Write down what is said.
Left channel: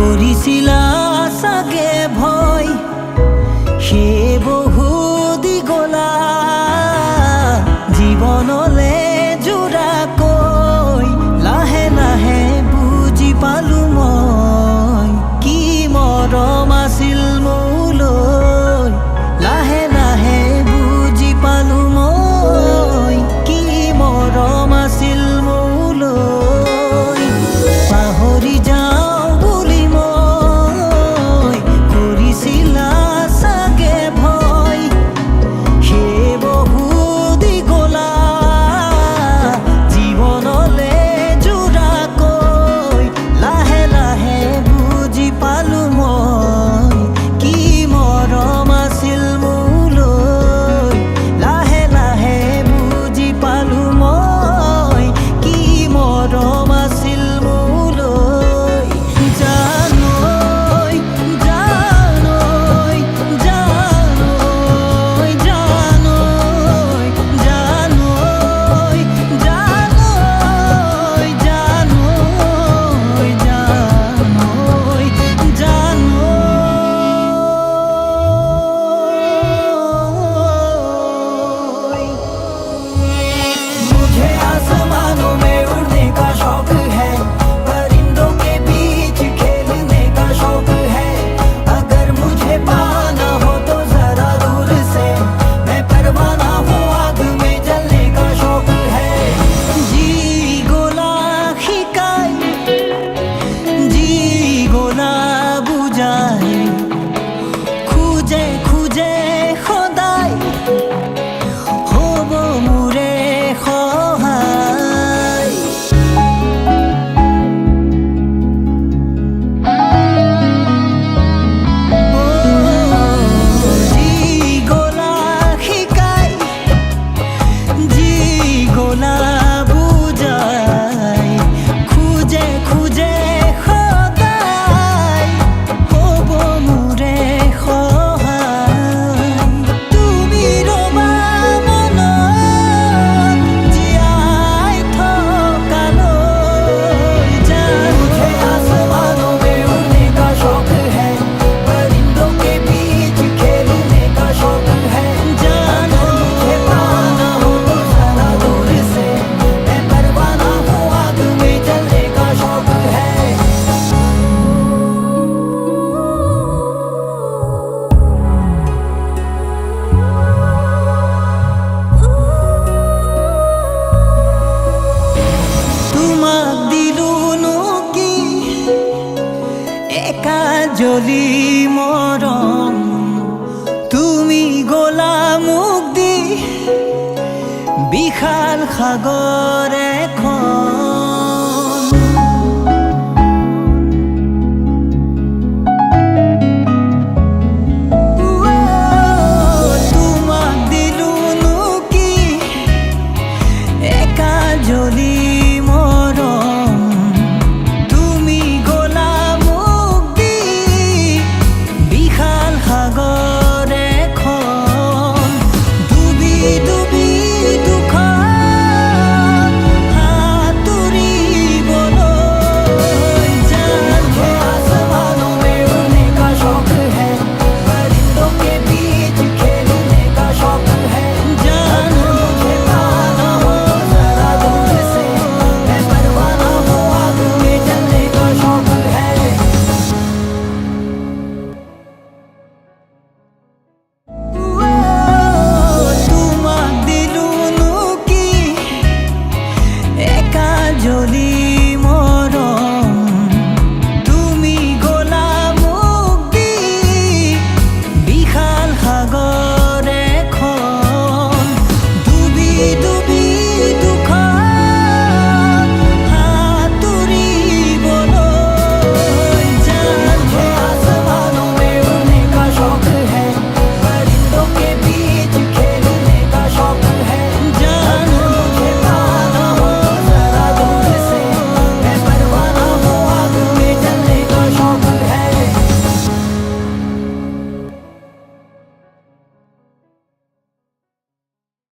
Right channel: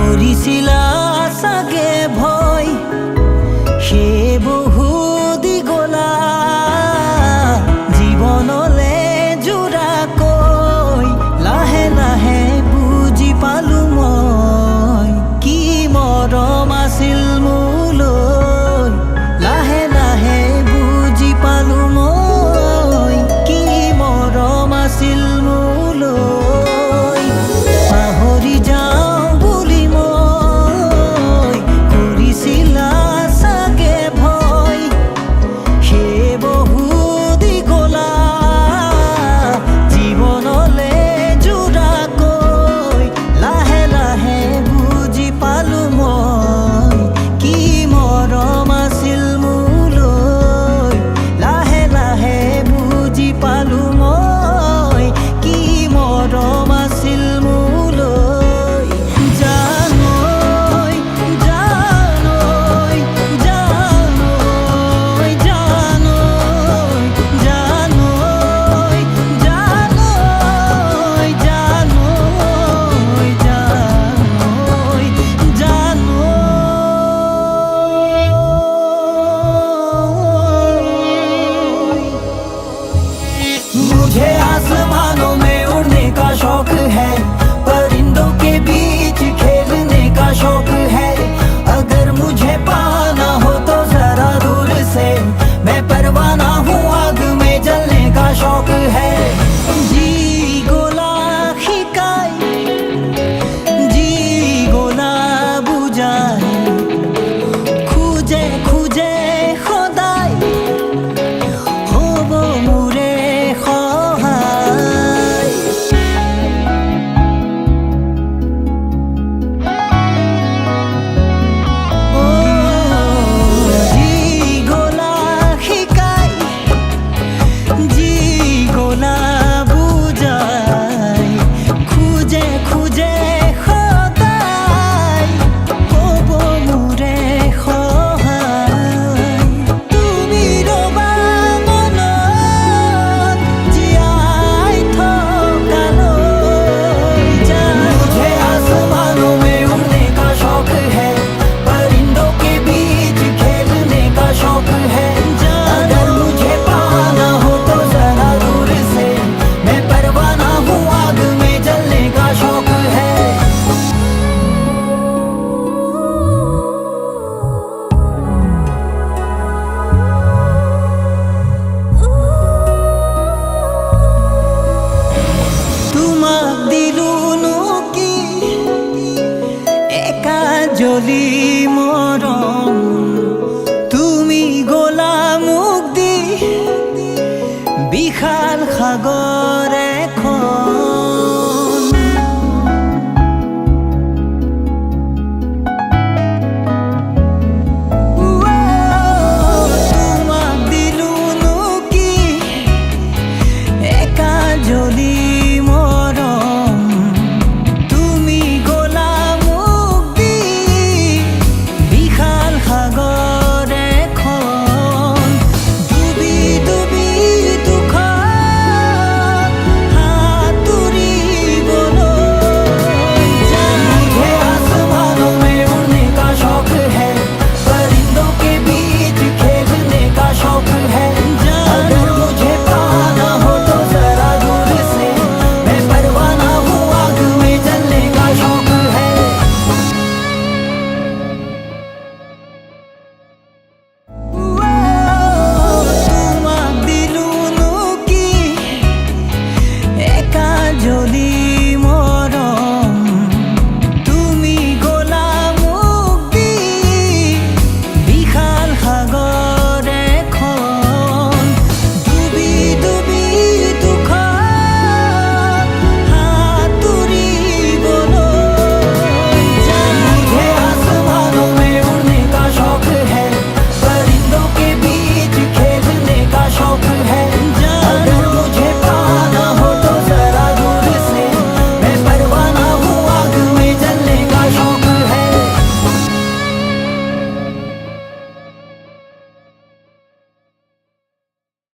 কৰিছিলা চাগে ভয় সেই বহু দি গলা জীৱনলে জোৰাকৈ লাহে লাহে বুজি পালো মই কি মৰম আছিল মোলৈ লাহে লাহে বুজি পালো মই কি মৰম আছিল মোলৈ পাহৰি যাওঁ বুলি মই কৰিছিলা চাগে ভয় সেই বহু দি গলা জীৱনলে জোৰাকৈ লাহে লাহে বুজি পালো মই কি মৰম আছিল মোলৈ লাহে লাহে বুজি পালো মই কি মৰম আছিল মোলৈ জানৈ জানৈ জানৈ জানৈ জানৈ জানৈ জানৈ জানৈ জানৈ मुझे आसमानों में उड़ने का शौक है परिंदों के बीच खेलने का शौक है अगर मुझे पाना हो तो जरा दूर से मैं परवाना हूँ आग में जलने का शौक है जी गोला शिकाय जी गोला बुझाय খুঁজে খুঁজে সদায় হ'ব মোৰে সহায় যি গলা শিকাই যি গলা বুজাই খুঁজে খুঁজে সদায় হ'ব মোৰে সহায় তুমি ৰবা মনত জীয়াই থকালৈ मुझे आसमानों में उड़ने का शौक है परिंदों के बीच खेलने का शौक है अगर मुझे पाना हो तो जरा दूर से मैं परवाना हूँ आग में जलने का शौक है তোমাক দিলুনো কি একা জ্বলি মৰম তুমি গলা মোক দি বিশাল সাগৰ